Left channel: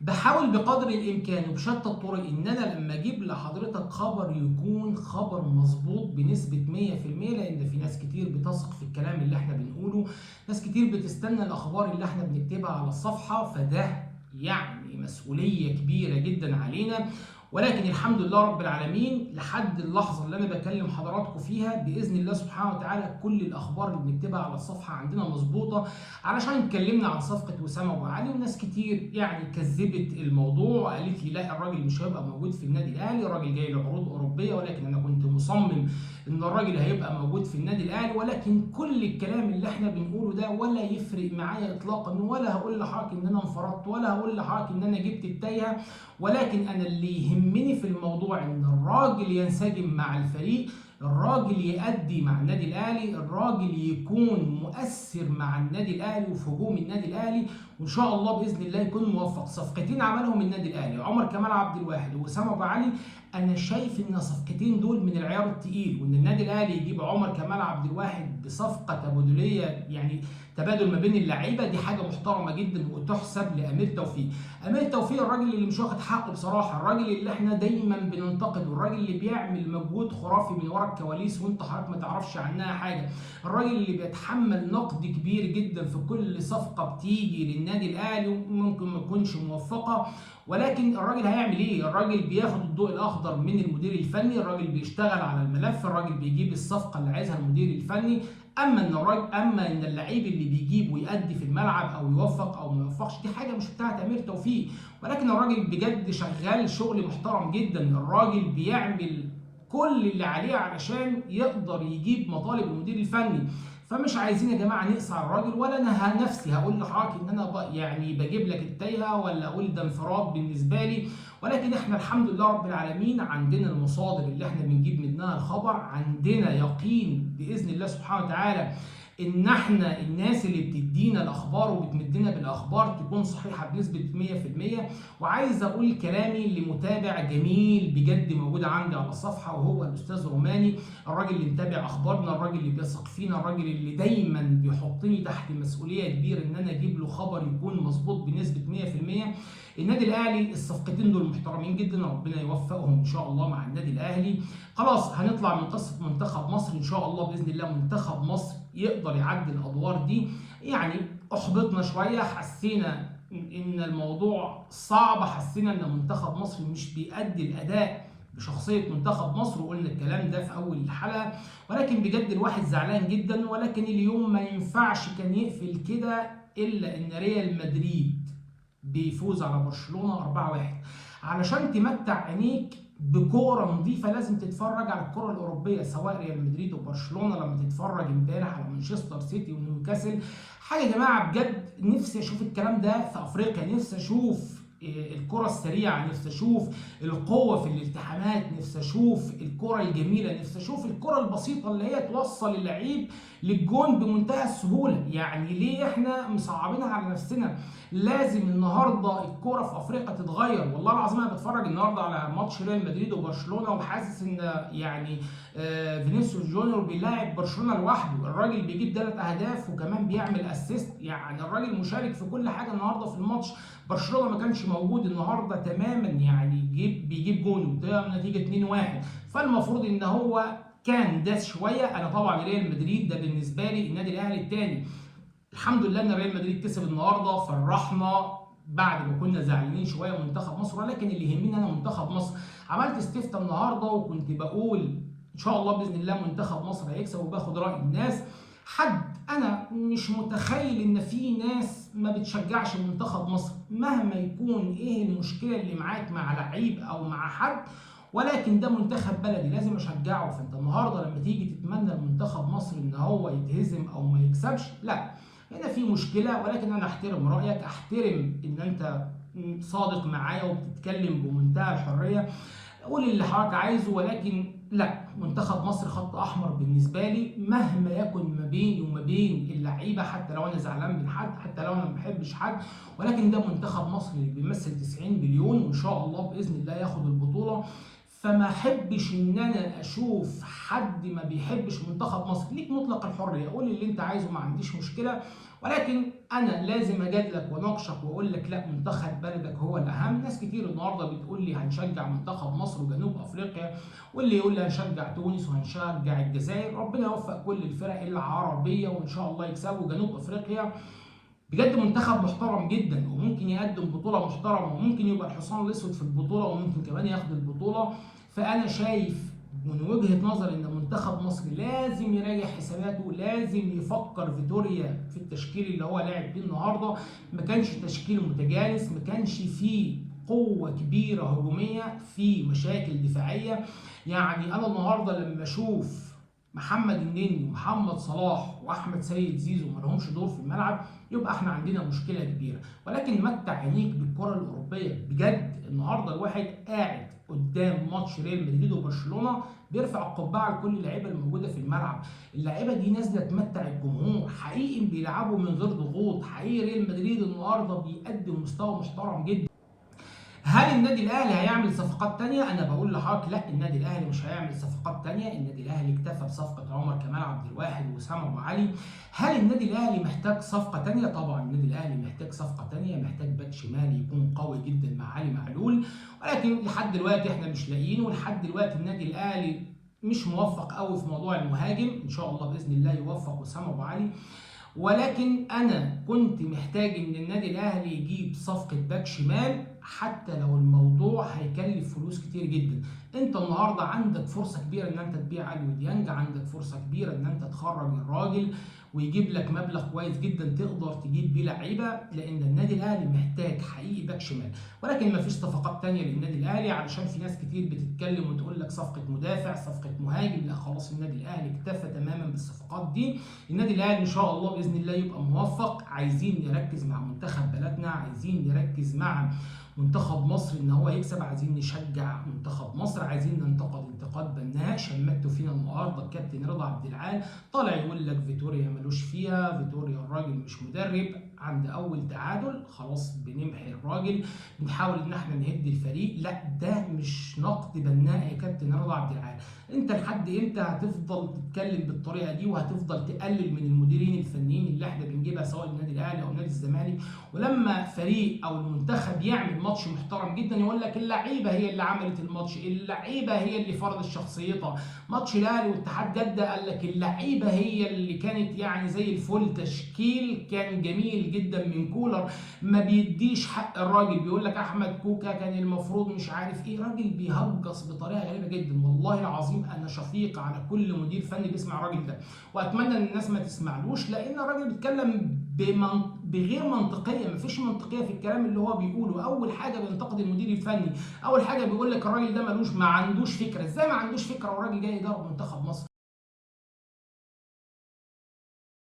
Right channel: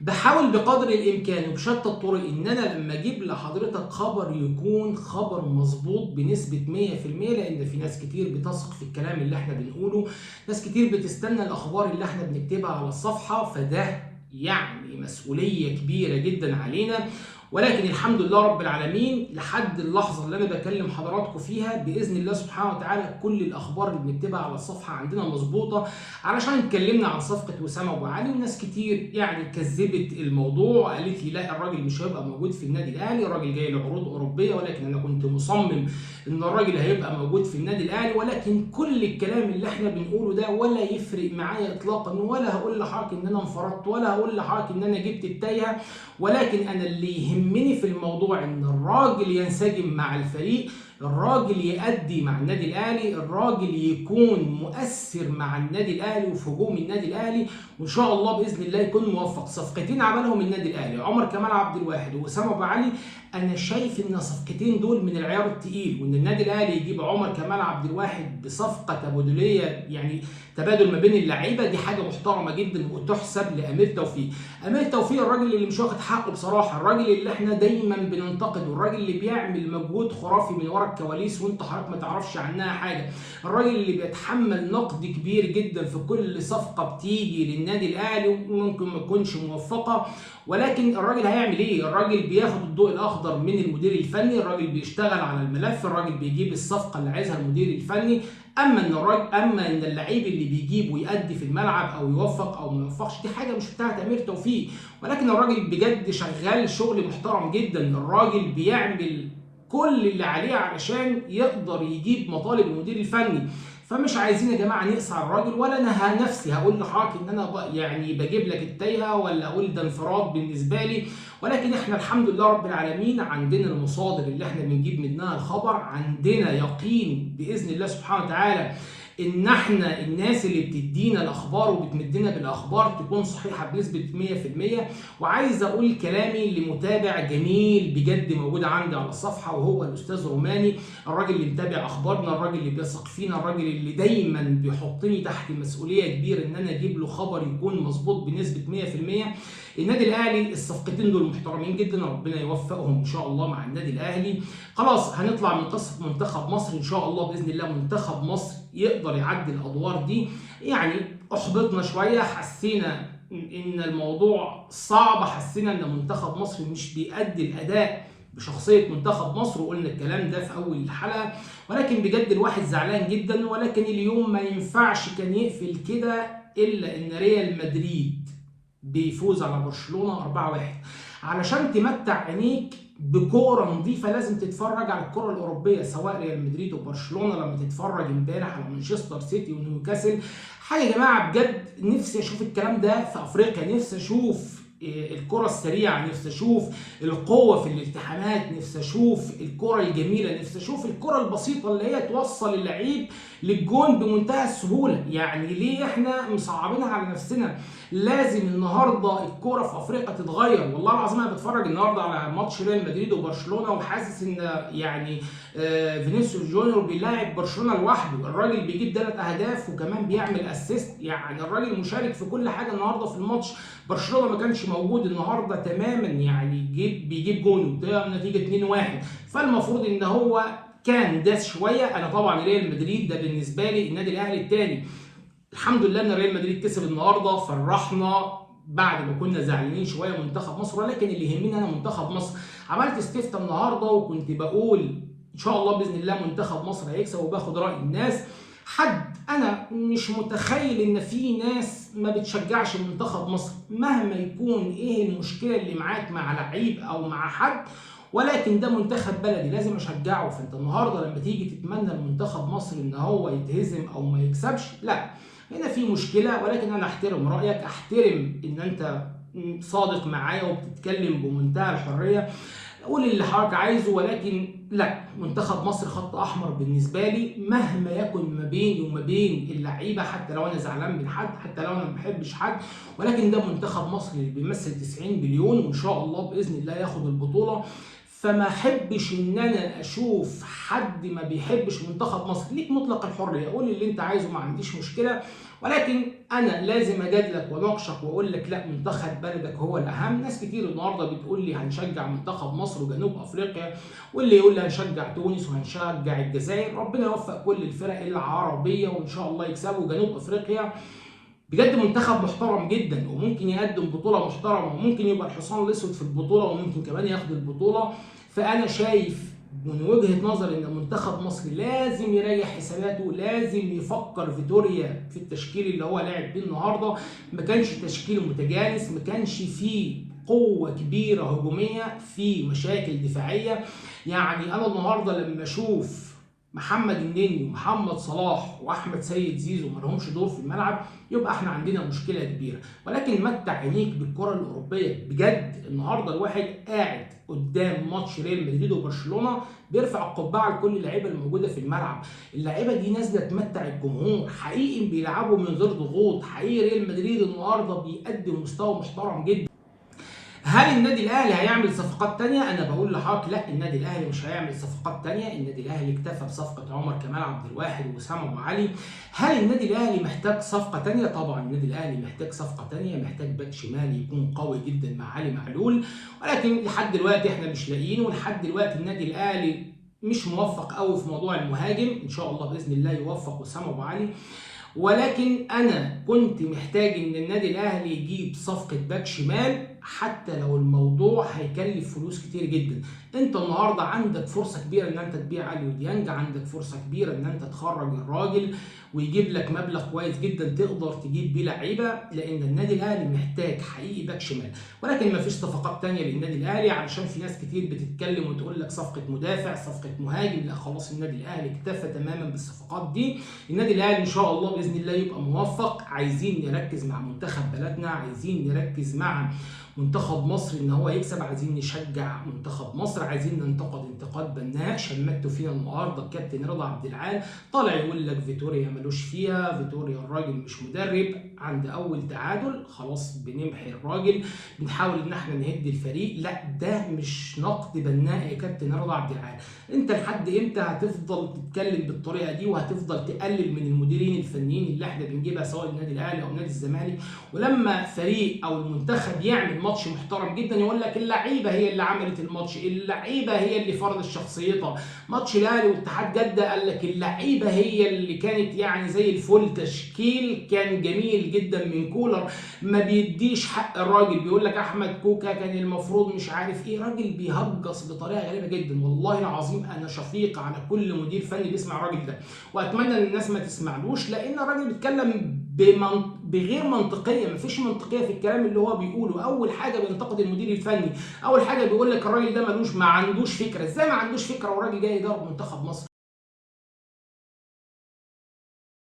بحاول بقدر الامكان وبشتى الطرق ان انا لما اجيب لحضرتك خبر يكون خبر مظبوط بنسبه 100%، لان في ناس كتير بتثق في الكلام اللي احنا بنقوله، ناس كتير بتستنى الاخبار اللي احنا بنكتبها على الصفحه، فده يعني مسؤوليه كبيره جدا علينا. ولكن الحمد لله رب العالمين لحد اللحظه اللي انا بكلم حضراتكم فيها باذن الله سبحانه وتعالى كل الاخبار اللي بنكتبها على الصفحه عندنا مظبوطه. علشان اتكلمنا عن صفقه وسام ابو علي وناس كتير يعني كذبت الموضوع وقالت لي لا الراجل مش هيبقى موجود في النادي الاهلي، الراجل جاي له عروض اوروبيه، ولكن انا كنت مصمم ان الراجل هيبقى موجود في النادي الاهلي. ولكن كل الكلام اللي احنا بنقوله ده ولا يفرق معايا اطلاقا، ولا هقول لحضرتك ان انا انفردت، ولا هقول لحضرتك ان انا جبت التايهه. ولكن انا اللي يهمني في الموضوع ان الراجل ينسجم مع الفريق، الراجل يأدي مع النادي الاهلي، الراجل يكون مؤثر مع النادي الاهلي وفي هجوم النادي الاهلي، وان شاء الله باذن الله يكون موفق. صفقتين عملهم النادي الاهلي عمر كمال عبد الواحد ووسام ابو علي، انا شايف ان الصفقتين دول من العيار التقيل، وان النادي الاهلي يجيب عمر كمال عبد الواحد بصفقه تبادليه يعني تبادل ما بين اللعيبه، دي حاجه محترمه جدا وتحسب لامير توفيق. امير توفيق الراجل اللي مش واخد حقه بصراحه، الراجل اللي احنا دايما بننتقده، الراجل اللي بيعمل مجهود خرافي من ورا الكواليس وانت حضرتك ما تعرفش عنها حاجه، الراجل اللي بيتحمل نقد كبير جدا في كل صفقه بتيجي للنادي الاهلي وممكن ما تكونش موفقه. ولكن الراجل هيعمل ايه؟ الراجل بياخد الضوء الاخضر من المدير الفني، الراجل بيشتغل على الملف، الراجل بيجيب الصفقه اللي عايزها المدير الفني. اما ان اللعيب اللي بيجيب ويأدي في الملعب او يوفق او ما يوفقش دي حاجه مش بتاعت امير توفيق. ولكن الراجل بجد شغال شغل محترم جدا، الراجل بيعمل كل اللي عليه علشان يقدر يجيب مطالب المدير الفني. فمش عايزين يا جماعه نقصى على الراجل، ولا انا نفسي هقول لحضرتك ان انا يعني بجيب لك التايهه ولا اقول ده انفراد بالنسبه لي. ولكن احنا الحمد لله رب العالمين عندنا المصادر اللي احنا بنجيب منها الخبر، عندنا يقين باذن الله سبحانه وتعالى ان احنا الناس اللي بتدينا الاخبار وبتمدنا بالاخبار تكون صحيحه بنسبه 100%. وعايز اقول كلامي لمتابع جميل بجد موجود عندي على الصفحه وهو الاستاذ روماني، الراجل اللي متابع اخبارنا، الراجل اللي بيثق فينا، الراجل اللي دايما بيحطني تحت مسؤوليه كبيره ان انا اجيب له خبر يكون مظبوط بنسبه 100%. النادي الاهلي الصفقتين دول محترمين جدا، ربنا يوفقهم ان شاء الله مع النادي الاهلي. خلاص هنطلع من قصه منتخب مصر ان شاء الله باذن الله، منتخب مصر يقدر يعدي الادوار دي. يعني احبطنا شويه، حسينا ان الموضوع صعب، حسينا ان منتخب مصر مش بيأدي الاداء بشخصيه منتخب مصر، وقلنا الكلام ده في اول الحلقه. ولكن بجد الواحد زعلان جدا، ولكن اليوم ما ينفعش كان يقفل كده الا ان ريال مدريد بيفوز على برشلونه 4-1. علشان تمتع عينيك بكوره نظيفه لازم تتفرج على الكره الاوروبيه، سواء ريال مدريد وبرشلونه، لما تتفرج امبارح على مانشستر سيتي ونيوكاسل. حاجه يا جماعه بجد نفسي اشوف الكلام ده في افريقيا، نفسي اشوف الكرة السريعة، نفسي اشوف القوة في الالتحامات، نفسي اشوف الكرة الجميلة، نفسي اشوف الكرة البسيطة اللي هي توصل اللعيب للجون بمنتهى السهولة. يعني ليه احنا مصعبينها على نفسنا؟ لازم النهارده الكرة في افريقيا تتغير. والله العظيم انا بتفرج النهارده على ماتش ريال مدريد وبرشلونة وحاسس ان يعني فينيسيوس جونيور بيلاعب برشلونة لوحده، الراجل بيجيب 3 اهداف وكمان بيعمل اسيست، يعني الراجل مشارك في كل حاجة النهارده في الماتش. برشلونة ما كانش موجود النهارده تماما، يعني بيجيب جون ده نتيجه 2-1، فالمفروض ان هو كان داس شويه. انا طبعا ريال مدريد ده بالنسبه لي النادي الاهلي الثاني، الحمد لله ان ريال مدريد كسب النهارده، فرحنا بعد ما كنا زعلانين شويه منتخب مصر. ولكن اللي يهمني انا منتخب مصر. عملت استفتاء النهارده وكنت بقول ان شاء الله باذن الله منتخب مصر هيكسب، وباخد راي الناس. انا مش متخيل ان في ناس ما بتشجعش منتخب مصر مهما يكون ايه المشكله اللي معاك مع لعيب او مع حد، ولكن ده منتخب بلدي لازم اشجعه. فانت النهارده لما تيجي تتمنى لمنتخب مصر ان هو يتهزم او ما يكسبش، لا هنا في مشكله. ولكن انا احترم رايك، احترم ان انت صادق معايا وبتتكلم بمنتهى الحريه، قول اللي حضرتك عايزه. ولكن لا، منتخب مصر خط احمر بالنسبه لي مهما يكن ما بيني وما بين اللعيبه، حتى لو انا زعلان من حد، حتى لو انا ما بحبش حد، ولكن ده منتخب مصر اللي بيمثل 90 مليون وان شاء الله باذن الله ياخد البطوله. فما احبش ان انا اشوف حد ما بيحبش منتخب مصر. ليك مطلق الحريه، قول اللي انت عايزه ما عنديش مشكله. ولكن انا لازم اجادلك واناقشك واقول لك لا، منتخب بلدك هو الاهم. ناس كتير النهارده بتقول لي هنشجع منتخب مصر وجنوب افريقيا، واللي يقول لي هنشجع تونس وهنشجع الجزائر. ربنا يوفق كل الفرق العربيه وان شاء الله يكسبوا. جنوب افريقيا بجد منتخب محترم جدا، وممكن يقدم بطوله محترمه، وممكن يبقى الحصان الاسود في البطوله، وممكن كمان ياخد البطوله. فانا شايف من وجهه نظري ان منتخب مصر لازم يراجع حساباته، لازم يفكر فيتوريا في التشكيل اللي هو لاعب بيه النهارده. ما كانش تشكيل متجانس، ما كانش فيه قوه كبيره هجوميه، في مشاكل دفاعيه. يعني انا النهارده لما اشوف محمد النني ومحمد صلاح واحمد سيد زيزو ما لهمش دور في الملعب، يبقى احنا عندنا مشكله كبيره. ولكن متع عينيك بالكره الاوروبيه بجد. النهارده الواحد قاعد قدام ماتش ريال مدريد وبرشلونه بيرفع القبعه لكل اللعيبه الموجوده في الملعب. اللعيبه دي نازله تمتع الجمهور، حقيقي بيلعبوا من غير ضغوط، حقيقي ريال مدريد النهارده بيقدم مستوى محترم جدا. هل النادي الاهلي هيعمل صفقات تانية؟ انا بقول لحضرتك لا، النادي الاهلي مش هيعمل صفقات تانية. النادي الاهلي اكتفى بصفقة عمر كمال عبد الواحد ووسام ابو علي. هل النادي الاهلي محتاج صفقة تانية؟ طبعا النادي الاهلي محتاج صفقة تانية، محتاج باك شمال يكون قوي جدا مع علي معلول، ولكن لحد دلوقتي احنا مش لاقيين. ولحد دلوقتي النادي الاهلي مش موفق قوي في موضوع المهاجم. ان شاء الله باذن الله يوفق وسام ابو علي. ولكن انا كنت محتاج ان النادي الاهلي يجيب صفقه باك شمال، حتى لو الموضوع هيكلف فلوس كتير جدا. انت النهارده عندك فرصه كبيره ان انت تبيع علي وديانج، عندك فرصه كبيره ان انت تخرج الراجل ويجيب لك مبلغ كويس جدا تقدر تجيب بيه لعيبه، لان النادي الاهلي محتاج حقيقي باك شمال. ولكن ما فيش صفقات تانية للنادي الاهلي، علشان في ناس كتير بتتكلم وتقول لك صفقه مدافع، صفقه مهاجم. لا خلاص، النادي الاهلي اكتفى تماما بالصفقات دي. النادي الاهلي ان شاء الله باذن الله يبقى موفق. عايزين نركز مع منتخب بلدنا، عايزين نركز مع منتخب مصر ان هو يكسب، عايزين نشجع منتخب مصر، عايزين ننتقد انتقاد بناء. شمتوا فينا النهارده الكابتن رضا عبد العال طالع يقول لك فيتوريا ملوش فيها، فيتوريا الراجل مش مدرب. عند اول تعادل خلاص بنمحي الراجل، بنحاول ان احنا نهد الفريق. لا، ده مش نقد بناء يا كابتن رضا عبد العال. انت لحد امتى هتفضل تتكلم بالطريقه دي وهتفضل تقلل من المديرين الفنيين اللي احنا بنجيبها سواء النادي الاهلي او نادي الزمالك؟ ولما فريق او المنتخب يعمل ماتش محترم جدا يقول لك اللعيبه هي اللي عملت الماتش، اللعيبه هي اللي فرضت شخصيتها. ماتش الاهلي واتحاد جده قال لك اللعيبه هي اللي كانت يعني زي الفل، تشكيل كان جميل جدا من كولر. ما بيديش حق الراجل، بيقول لك احمد كوكا كان المفروض مش عارف ايه، راجل بيهجص بطريقه غريبه جدا. والله العظيم انا شفيق على كل مدير فني بيسمع الراجل ده، واتمنى ان الناس ما تسمعلوش، لان الراجل بيتكلم بغير منطقيه، مفيش منطقيه في الكلام اللي هو بيقوله. اول حاجه بينتقد المدير الفني، اول حاجه بيقول لك الراجل ده ما عندوش فكره. ازاي ما عندوش فكره والراجل جاي يدرب منتخب مصر؟